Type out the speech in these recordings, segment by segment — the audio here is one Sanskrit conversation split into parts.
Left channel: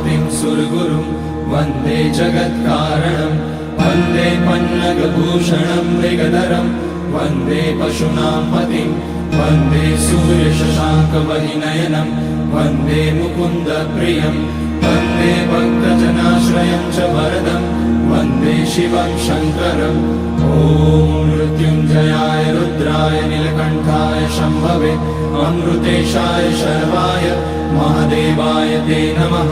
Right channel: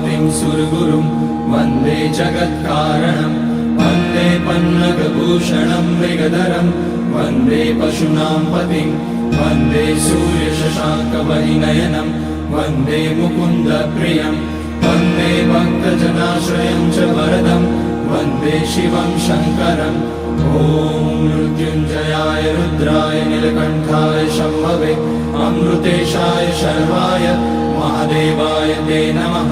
पतिं सुरगुरुं वन्दे जगत्कारणं वन्दे पन्नगभूषणं मृगधरं वन्दे पशूनां पतिं वन्दे सूर्यशशाङ्कवलिनयनं वन्दे मुकुन्दप्रियं वन्दे भक्तजनाश्रयं च वरदं वन्दे शिवं शङ्करम् ॐ मृत्युञ्जयाय रुद्राय नीलकण्ठाय शम्भवे अमृतेशाय शर्वाय महादेवाय ते नमः।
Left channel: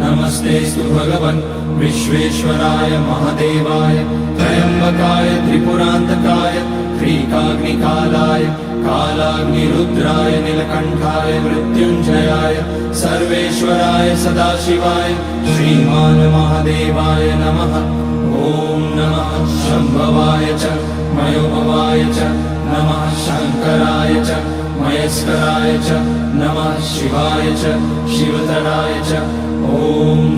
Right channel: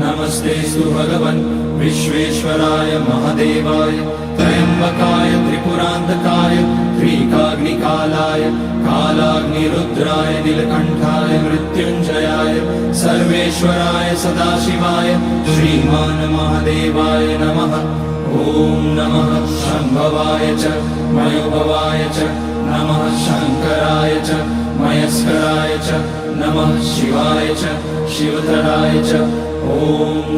नमस्तेस्तु भगवन् विश्वेश्वराय महादेवाय त्र्यम्बकाय त्रिपुरान्तकाय त्रिकाग्निकालाय कालाग्निरुद्राय नीलकण्ठाय मृत्युञ्जयाय सर्वेश्वराय सदाशिवाय श्रीमान् महादेवाय नमः। ॐ नमः शम्भवाय च मयोभवाय च नमः शङ्कराय च मयस्कराय च नमः शिवाय च शिवतराय च ॐ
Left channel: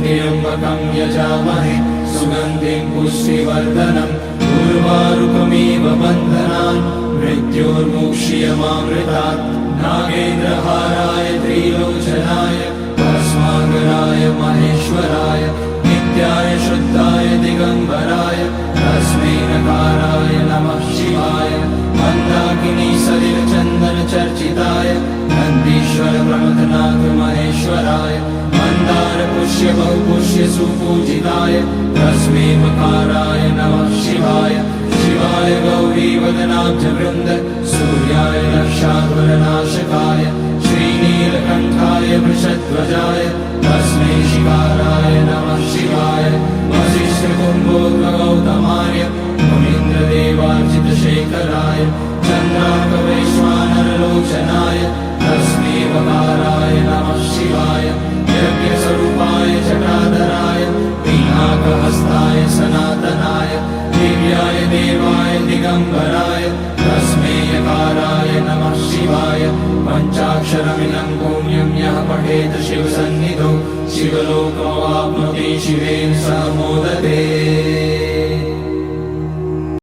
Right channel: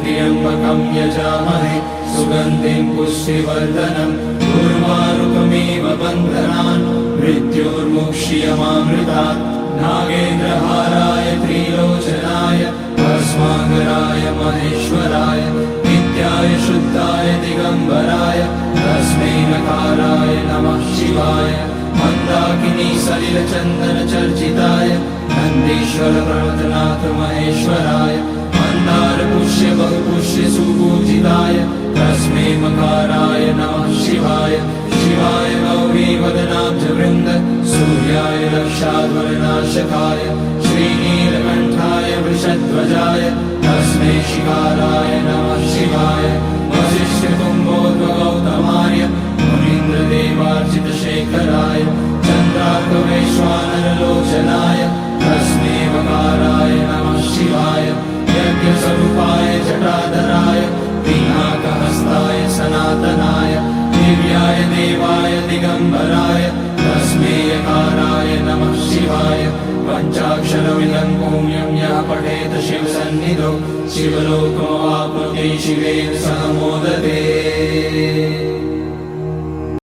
त्र्यम्बकं यजामहे सुगन्धिं पुष्टिवर्धनम् उर्वारुकमिव बन्धनान् मृत्योर्मुक्ष्यमामृतात् नागेन्द्रहाराय त्रिलोचनाय भस्माङ्गराय महेश्वराय नित्याय शुद्धाय दिगम्बराय तस्मै नकाराय नमः शिवाय मन्दाकिनी सलिलचन्दनचर्चिताय नन्दीश्वर प्रणतनाथ महेश्वराय मन्दार पुष्य बहुपुष्य सुपूजिताय तस्मै मकाराय नमः शिवाय शिवाय गौरीवदनाब्जवृन्द सूर्याय रक्षाध्वरनाशकाय श्रीनीलकण्ठाय वृषध्वजाय तस्मै शिकाराय नमः शिवाय वसिष्ठकुम्भोद्भगौतमार्य मुनीन्द्रदेवार्चितशेखराय चन्द्रार्कवैश्वानरलोचनाय तस्मै वकाराय नमः शिवाय यज्ञस्वरूपाय जटाधराय पिनाकहस्ताय सनातनाय दिव्याय देवाय दिगम्बराय तस्मै यकाराय नमः शिवाय पञ्चाक्षरमिदं पुण्यं यः पठेत शिवसन्निधौ शिवलोकमवाप्नोति शिवेन सह मोदते।